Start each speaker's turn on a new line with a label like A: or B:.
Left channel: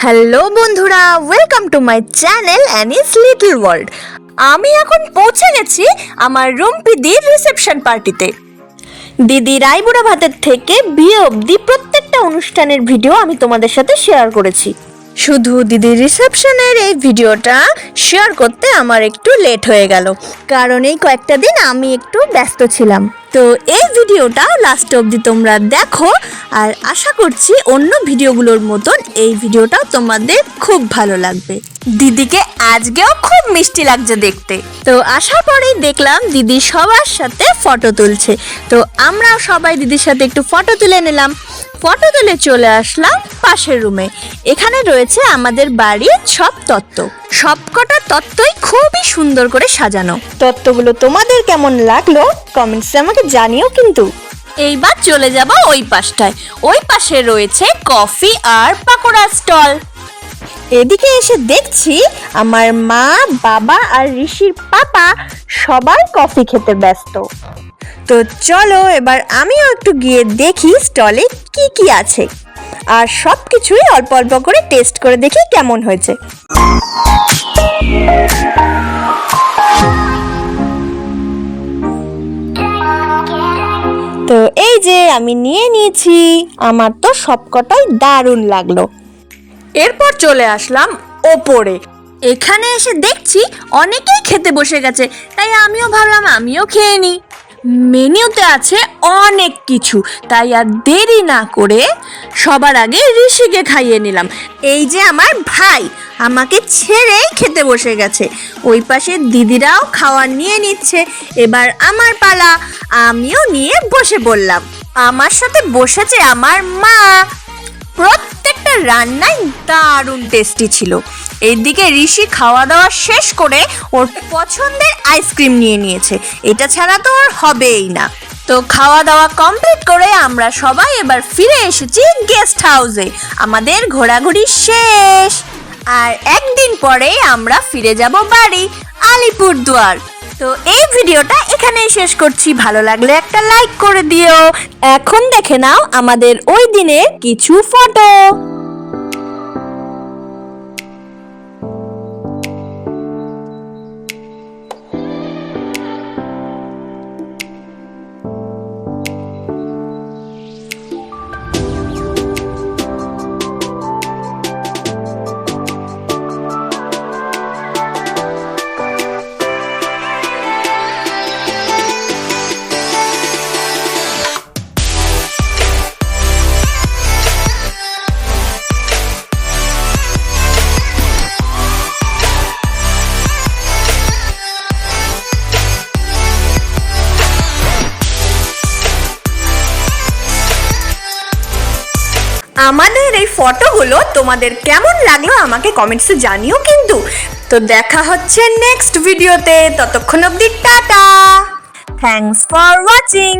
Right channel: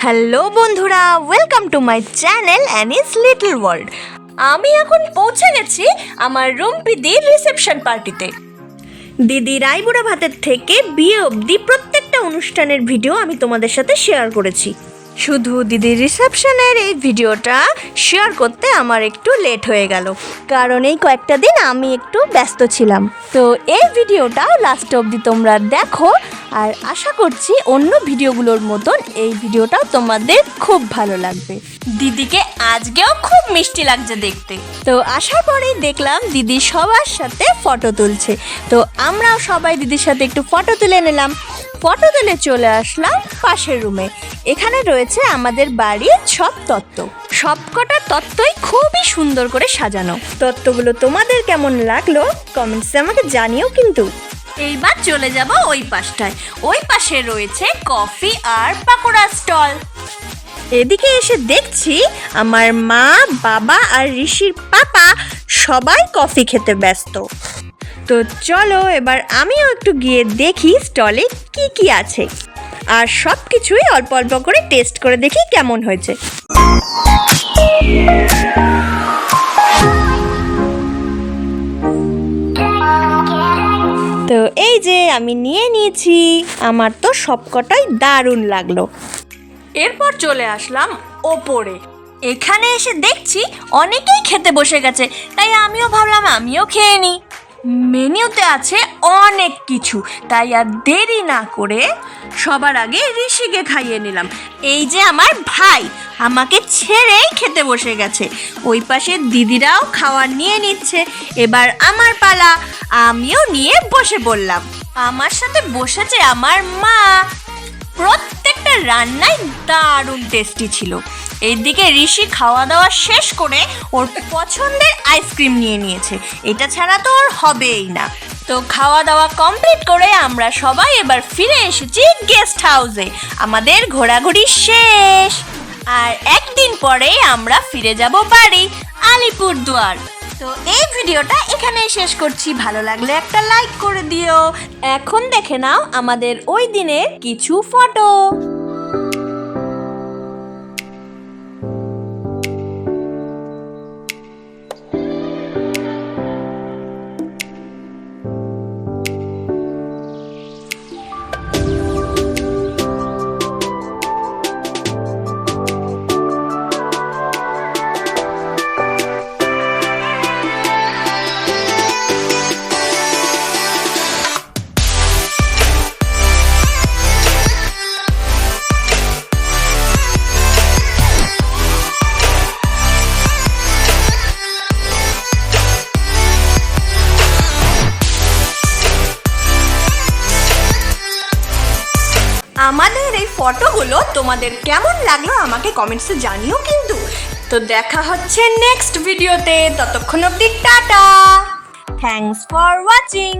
A: Hello বন্ধুরা welcome to my channel Annie's little world আমি এখন পৌঁছে গেছি আমার রুমপিদির রিসেপশন পার্টিতে দিদি রায়বুড়া ভাতের থেকে বিয়ে অবধি প্রত্যেকটা অনুষ্ঠানের ভিডিও আমি তোমাদের সাথে শেয়ার করেছি। শুধু দিদির রিসেপশনের এই ভিডিওটা শেয়ার করতে আমার একটু লেট হয়ে গেল। কারণ এই কয়েকটা দিন আমি একটু ব্যস্ত ছিলাম। তো এই ভিডিওটা লাস্ট অবধি তোমরা দেখো আর আশা করছি অন্য ভিডিওগুলোর মতন এই ভিডিওটা তোমাদের খুব ভালো লাগবে। দিদিকে আজকেও খুব মিষ্টি লাগছে দেখতে। তো আসার পরেই দেখলাম দিদি সবার সাথে ফটো তুলছে। তো আমরা সবাই দিদির সাথে একটু ফটো তুলে নিলাম। ফটো তুলে চলে আসলাম পাশের রুমে। এখানে রয়েছে আমাদের বাড়ির সব তত্ত্ব। সবকটা তত্ত্বই খুবই সুন্দর করে সাজানো। তত্ত্বগুলো তোমাদের কেমন লাগল কমেন্টসে আমাকে জানিও কিন্তু। এইবার চলে যাব ওই পাশটায়। ওই পাশে রয়েছে কফি আর পাকোড়া স্টল। এদিকে এসে দেখছি আমার মা, বাবা আর ঋষির পাপা সবাই কফি খেতে ব্যস্ত। তো চলো, এবার আমিও একটু গিয়ে দেখি স্টলে কি কি আছে। আর সব কিছুই অল্প অল্প করে টেস্ট করে দেখি কেমন হয়েছে। তো এই যে আমি নিয়ে নিয়েছি, আমার তো সবকটাই দারুণ লাগল। এরপর চলে আসলাম ওপরে। এখানে এসে দেখছি অনেকেই খেতে বসে গেছে, তাই আমিও ভাবলাম আমিও খেয়ে নিই। মেনিউতে আছে অনেক কিছু। তাই আর দেরি না করে সবার আগে ঋষিকে খাইয়ে নিলাম। এই যে আমার ভাই, আমাকে ছেড়েই খেতে বসে গেছে। ওই পাশে দিদিরাও খাওয়ার নিয়ে নিচ্ছে। এবার আমার পালা, আমিও নিয়ে বসে বললাম আমার সাথে বসেছে আমার মা। প্রত্যেকটা রান্নাই দারুণ টেস্টি ছিল। এইদিকে ঋষি খাওয়া দাওয়া শেষ করে ওর পছন্দের আইসক্রিম নিয়ে নিয়েছে। এটা ছাড়া তো ওর হবেই না। তো খাওয়া দাওয়া কমপ্লিট করে আমরা সবাই এবার ফিরে এসেছি গেস্ট হাউসে। আমাদের ঘোরাঘুরি শেষ। আর একদিন পরে আমরা ফিরে যাব বাড়ি আলিপুরদুয়ার তো এই ভিডিওটা এখানেই শেষ করছি। ভালো লাগলে একটা লাইক করে দিও। এখন দেখে নাও আমাদের ওই দিনের কিছু ফটো। আমাদের এই ফটোগুলো তোমাদের কেমন লাগল আমাকে কমেন্টসে জানিও কিন্তু। তো দেখা হচ্ছে নেক্সট ভিডিওতে ততক্ষণ অবধি টাটা। Thanks for watching